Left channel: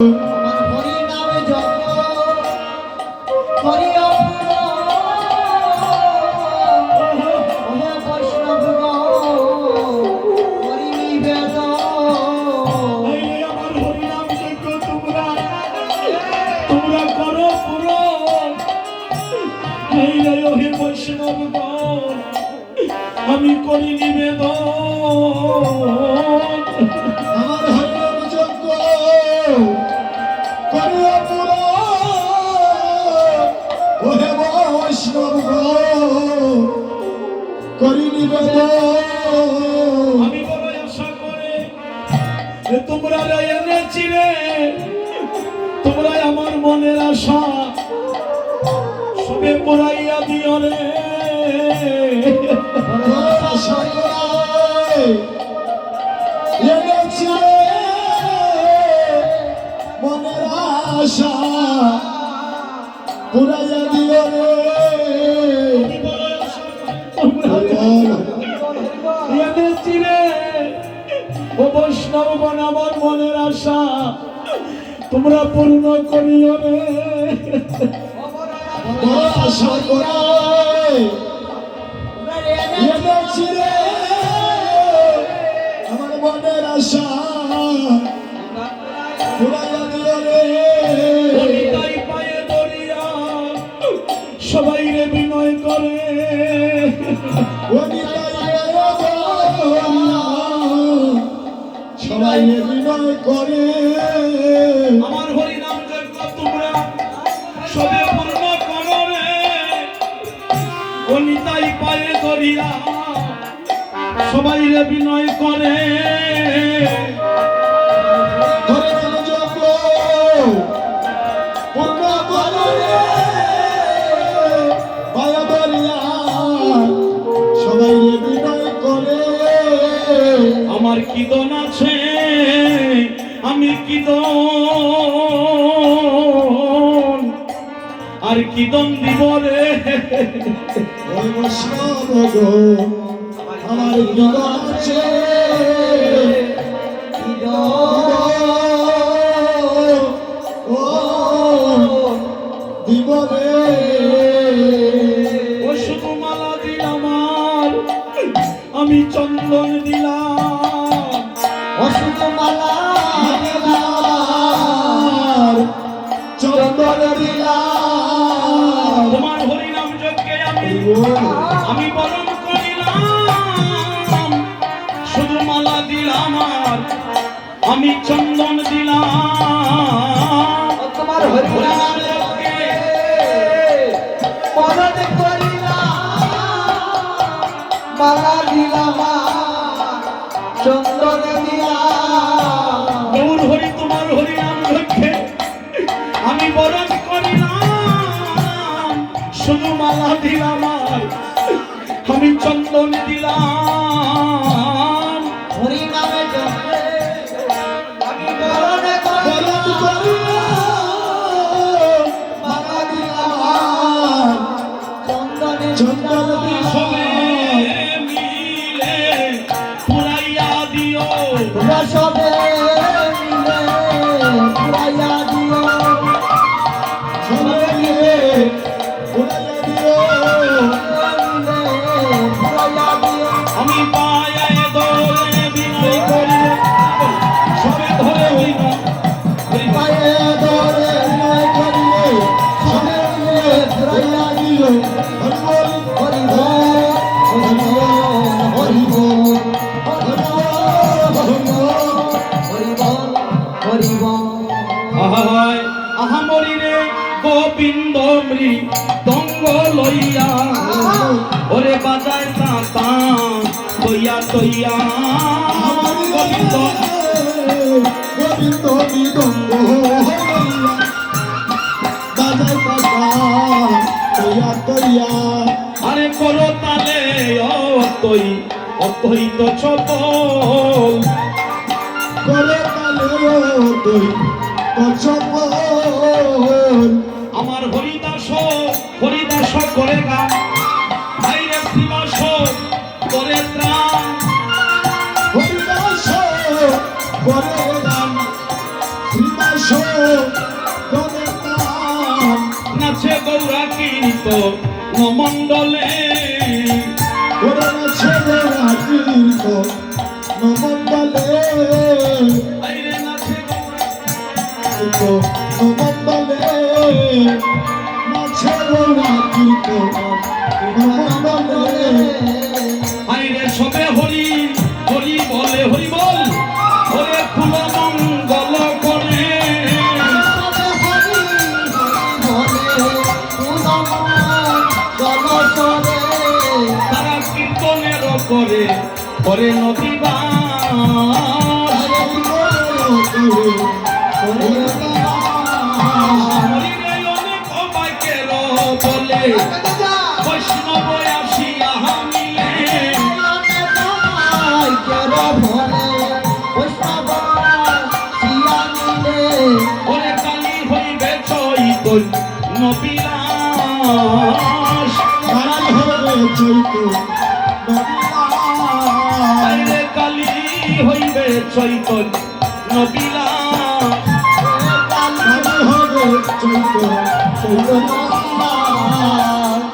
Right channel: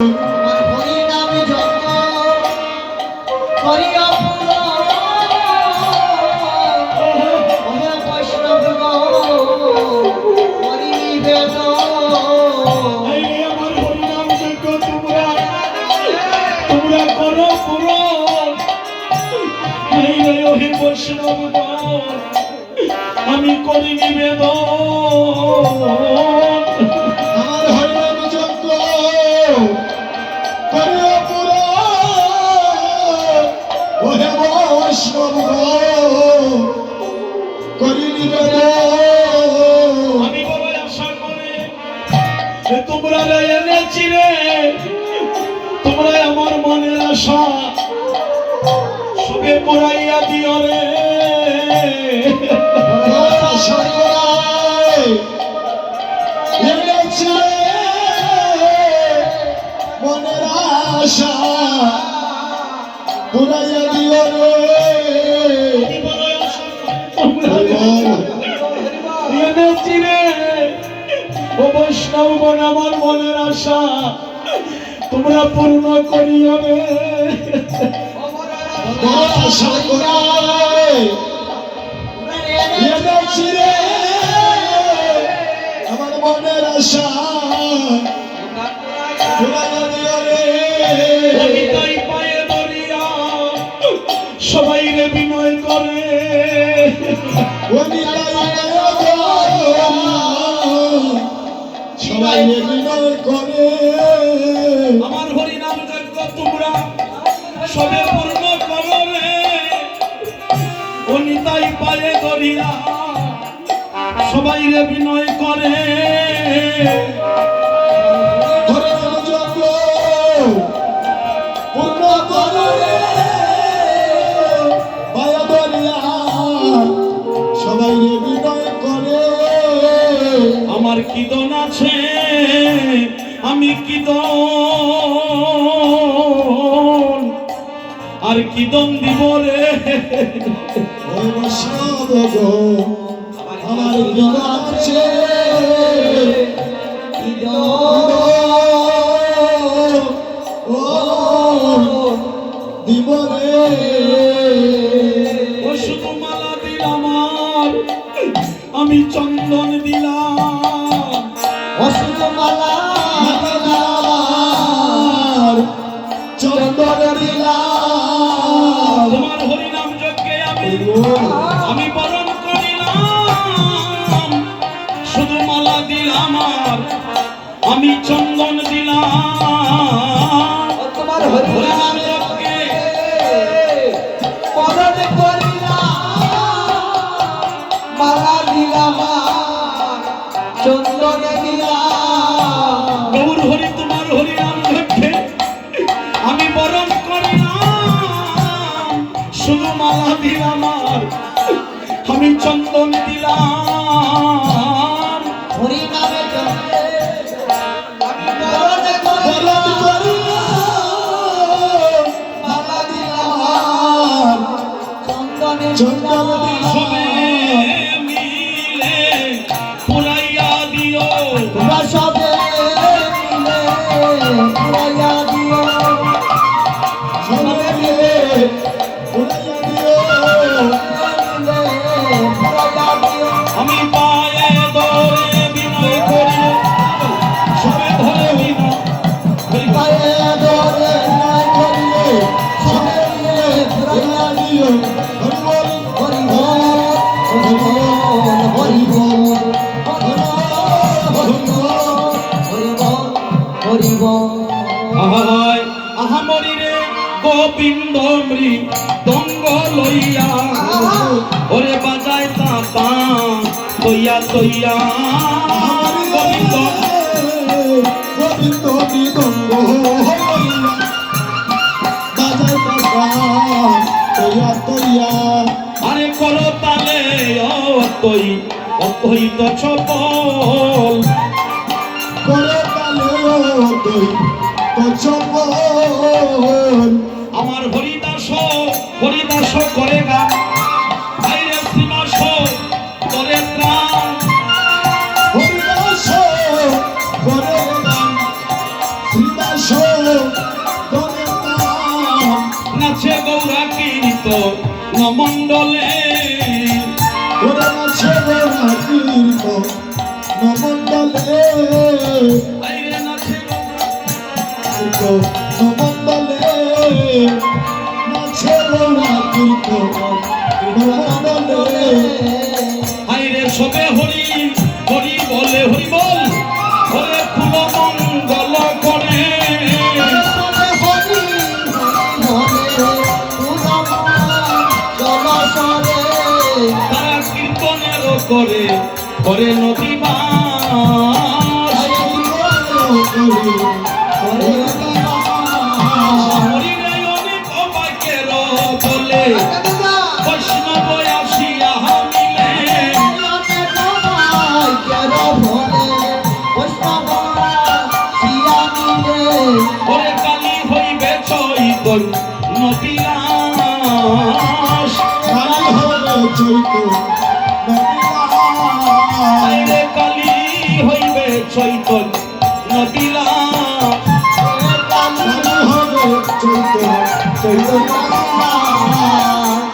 আমি করি নিবেদন আমার হরিনাম যজ্ঞ করিয়া পুরাণ ওহে বৈষ্ণব করি নিবেদন। আমি বড় আশা করে তোমরা এনেছি রে, তোমরা আমার মনের আশা সবে পড়াইয়া দিও রে। মনের আশা পুরাইয়া দিও রে। এনেছি রে ও বৈষ্ণবগণ, আমার মনের আশা তোমরা পূর্ণ করিও রে। আশা করাই এনেছি রে আমার মনের আশা পুরাইয়া দিও রে। তাই পায়ে ধরিয়া সবাই রে বিনয় করে, সবাই বিনয় করে। আমার হরিনাম যজ্ঞ তোমরা সবে পূর্ণ করো রে। তাই পায়ে ধরিয়া সবাই রে বিনয় করে। সবাই বিনয় করে। আমার কীর্তন আছে, আমি কীর্তন আর কীর্তন দিব রে। আমার বিনয় আছে দিব রে। ও শুধু মালা দিলাম আর আমি চন্দন দিলাম, অসুতমালা চন্দন দিলাম। তোমার হরিনাম যজ্ঞে আমি বরণ করিলাম। শুধু মালা দিলাম আর আমি চন্দন দিলাম। তোমার হরিনাম যজ্ঞে বরণ করিলাম, মালা দিলাম, চন্দন দিলাম। গৌর হরি তোমার হরিনাম যজ্ঞে আমি বরণ করিলাম। শুধু মালা দিলাম আর আমি চন্দন দিলাম। হরিনামে আমি বরণ করিলাম, মালা দিলাম, চন্দন দিলাম। সবে মিলে পুরাইয়া দিও, তোমরা সবে মিলে পুরাইয়া দিও, সবে মিলে পুরাইয়া দিও। আমি পায়ে ধরে বিনয় করি, সবে ধরে বিনয় পায়ে ধরে বিনয় করিলে সবে মিলে পুরাইয়া দিও। হরি বল, হরি বল, হরি বল, হরি বল, হরি বল। আহায় আহামরি রে গোবিন্দ মৃদঙ্গ লইয়া, ওরে বাজায় তাতা তৈয়া তৈয়া। গোবিন্দ গোবিন্দ মৃদঙ্গ বাজায় কাকা তৈয়া তৈয়া। আরে করো তালে অতই তো চপল, করে কালে তুই তোর চপল। আমার হরিদাস করে গান, আইরে শ্রীবাস করে ত্রাণ। হরিদাস করে গান, শ্রীদাস নাচে গৌরা কীর্ত নমণ্ডলে আইরে নাচে আইরে সবে হরি হরি বলে হরি বল হরে ফুল মঙ্গল করে তারা কীর্তনের করে করে নদী বাস হরিরে অনেক অবাকের বলে বৈষ্ণব আসিয়া মিলে ওরে কালী হইবে চৈতন নবিলাস আইরে কালী হইবে চৈতন নবিলাস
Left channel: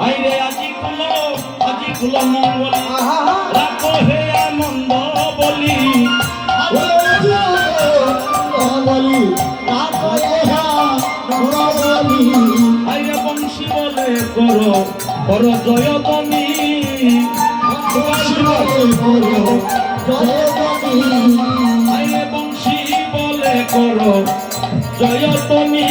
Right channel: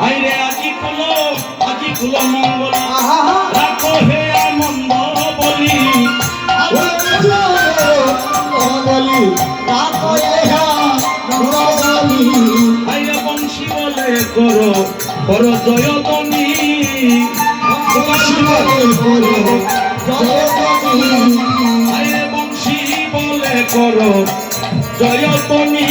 আইরে আজি কুল মঙ্গল রাখো হে আনন্দ বলি আইরে বংশী বলে করো করো জয়তনী আইরে বংশী বলে করো জয়তনী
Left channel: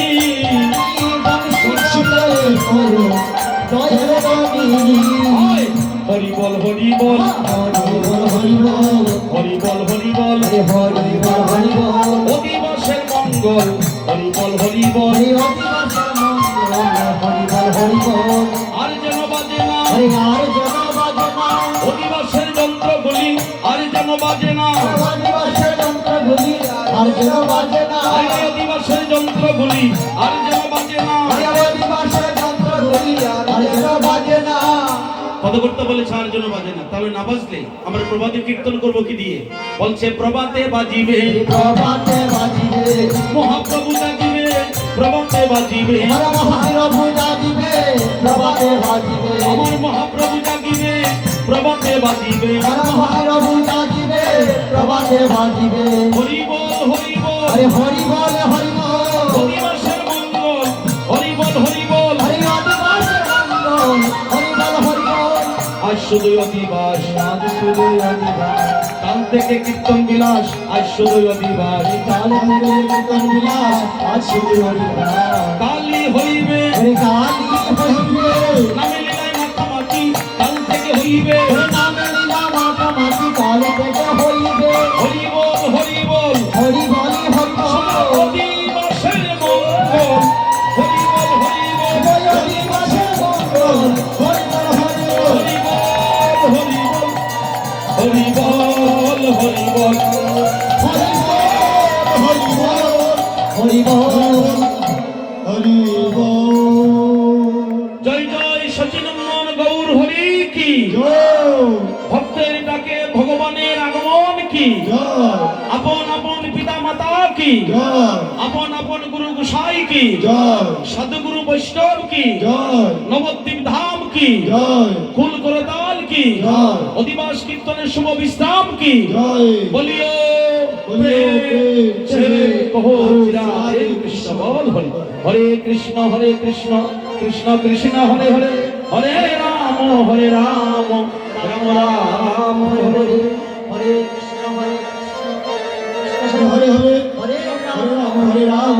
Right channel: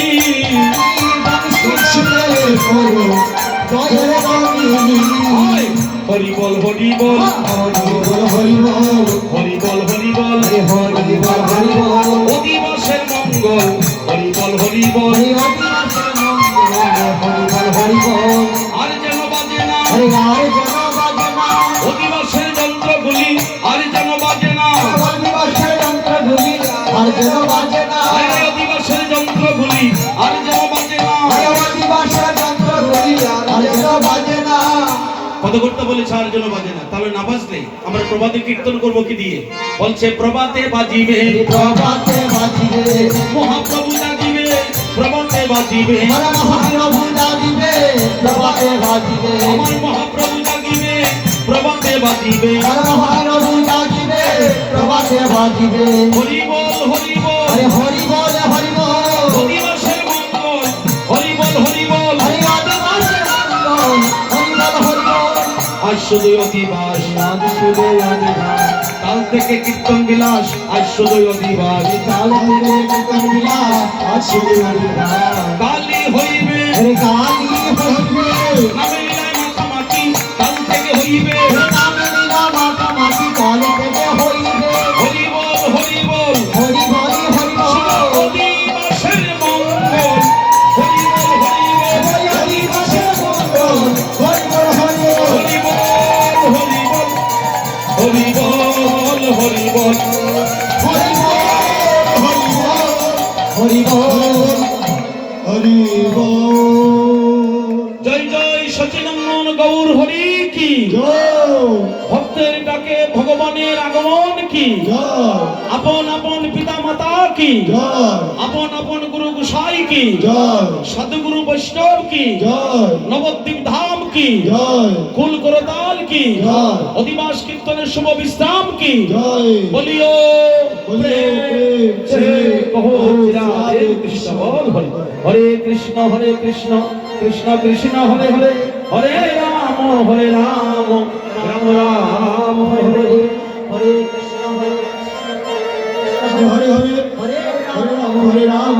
হরি বল হরি বল হরি বল হরি বল অদিবসের মঙ্গল হরি বল আর যেন বাজে না অদিবসের যন্ত্রগুলি আর যেন বাজে না আরে অদিবসের যন্ত্রগুলি আর যেন বাজে না পদকর্তা বলেছে আর যেন বাজে না, তাহলে না বাজলে আমরা প্রভাতে কীর্তন করবো কি দিয়ে? বলছে প্রভাতে বাজিবে মহাপ্রভু জাগিবে, প্রভাতে বাজিবে আমার মহাপ্রভু জাগিবে, প্রভাতে বাজিবে হরি বল অদিবসের মঙ্গল হরি বল আজ শুধুই অধিবাস কাল থেকে কীর্তন বিলাস আজ শুধুই অধিবাস কালী হইবে নামে লীলায় মাখামাখি কাল থেকে হইবে হরি বল অদিবসের মঙ্গল হরি বল জয় জয় সচিনন্দন গৌর হরি কি ভক্তের ডাকে ভগবানের আগমন কি আপন আপন পিতা মাতা কি আপন আপন গুরু গোসাই কি সাধুগুরু বৈষ্ণব কি নবদ্বীপ ধাম কি কুল করতাল কি অধিবাস কীর্তনের শুভ বিশ্রাম কি বলিও হরে কৃষ্ণ কৃষ্ণ কৃষ্ণ হরে হরে হরে রাম রাম রাম হরে হরে হরে হরে রাম